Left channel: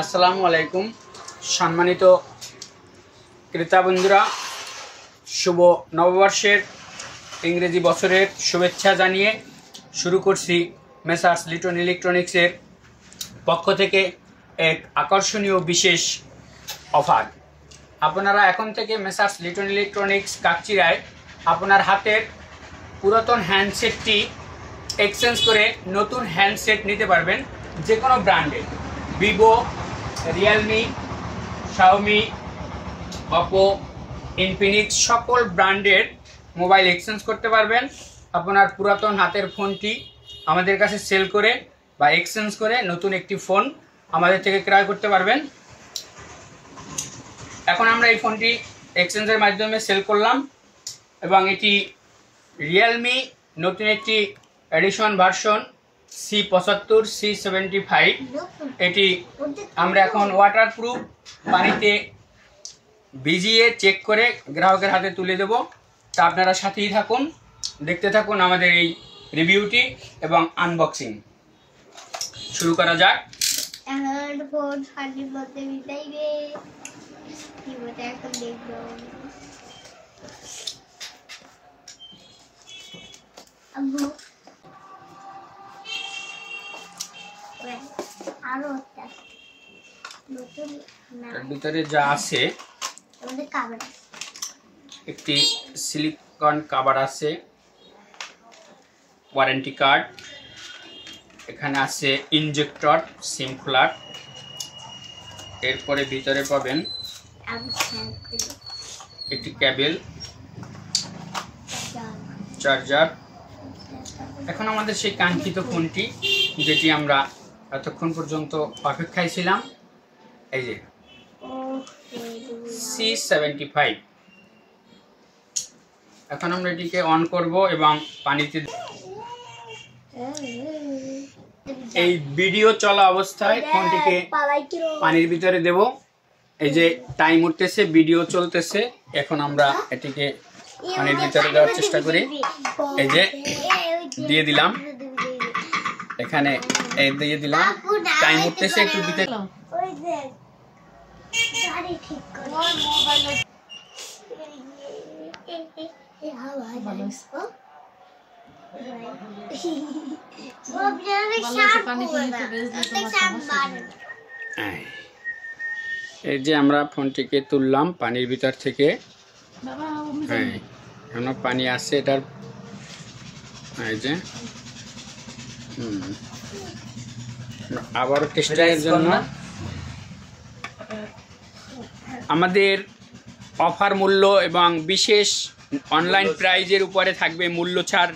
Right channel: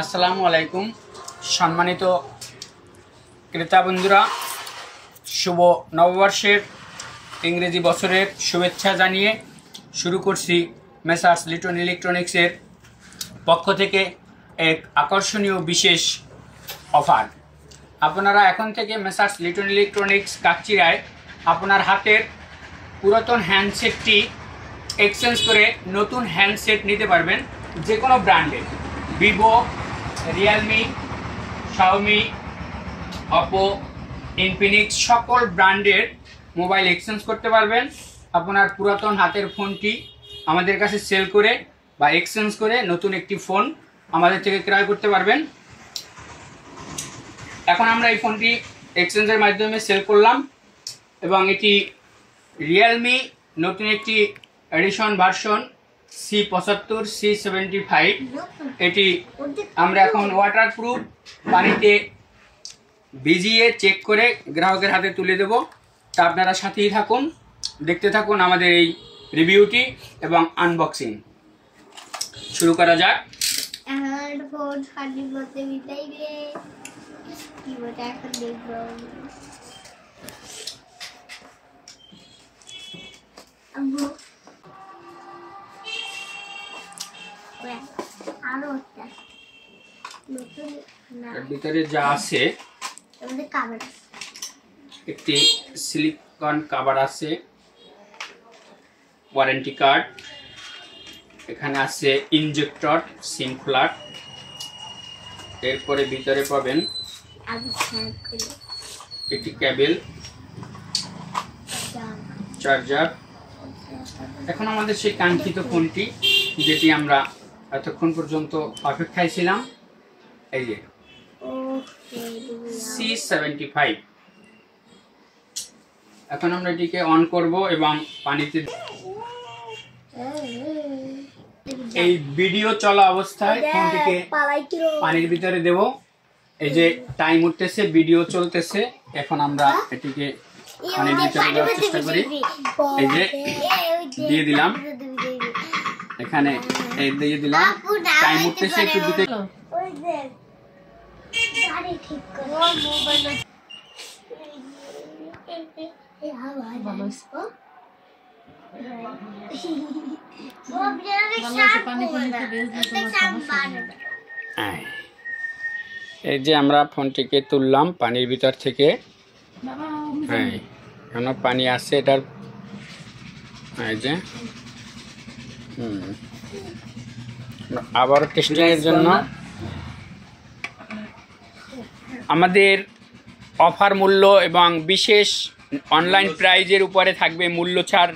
আসসালামু আলাইকুম সম্মানিত ক্রেতা বন্ধুরা, শুভ নববর্ষের ইংরেজি বছরের শুভেচ্ছা জানিয়ে শুরু করছি মেসার্স লিটন ইলেকট্রনিক্সের পক্ষ থেকে এক আকর্ষণীয় বিশেষ অফার। আপনারা এখন থেকে মেসার্স লিটন ইলেকট্রনিক্স কাকচিড়ায় আপনার হাতের পুরাতন হ্যান্ডসেটটি এক্সচেঞ্জ করে নতুন হ্যান্ডসেট নিতে পারবেন। যে কোনো ব্র্যান্ডের Vivo, Realme, Xiaomi, Oppo, Infinix সকল ব্র্যান্ডের মোবাইল এক্সচেঞ্জ করতে পারবেন। আপনার পুরাতন হাতের ফোনটি আমাদের কাছে সেল করে বা এক্সচেঞ্জ করে নতুন একটি ফোন আমাদের থেকে ক্রয় করতে পারবেন। এখন আমরা এই ফোনটি এক্সচেঞ্জের মাধ্যমে সেল করলাম এবং এটি রিয়েলমি নতুন একটি এডিশন ভার্সন C75 C75। এটি আমরা এখন ওয়াটারপ্রুফ পানিতে ভিজিয়ে চেক করে গ্রাহকের হাতে তুলে দেব। তা আপনারা সাথেই থাকুন, দেখতে থাকুন আমাদের এই রিভিউটি এবং আনবক্সিং। শুরু করা যাক। এর ভিতরে যা আছে, একটি সিলিকন কভার আছে, ওয়ারেন্টি কার্ড, এখানে আছে ইনজেক্টর, সিম প্লাগ, এরপরে ভিতরে পাবেন একটি কেবল, চার্জার। এখন আমাদের সেই কাঙ্ক্ষিত ফোনটি, যেটি আমরা এতক্ষণ পর্যন্ত অপেক্ষায় ছিলাম, এই যে C75। এখন আমরা এটিকে অন করব এবং পানিতে এই ভিডিও চলা অবস্থায় ফোনটিকে পানির ভিতরে দেব। এই যে টাইম উঠতেছে, ভিডিও চলতেছে। এখন আমরা এটিকে পানির ভিতরে দেওয়ার চেষ্টা করি। এই যে দিয়ে দিলাম, এখানে এই দিয়ে দিলাম, টাইম উঠতেছে, একটু ভিতরে এই যে আমরা ফোনটিকে তুললাম পানির ভিতর থেকে। হ্যাঁ, এখনো পানি আছে এটার। এই যে আবারও টেস্টিং এর জন্য আমাদের অফার মূল্য এবং বিশেষ অনলাইন প্রাইজের উপরে থাকবে মূল্য ছাড়।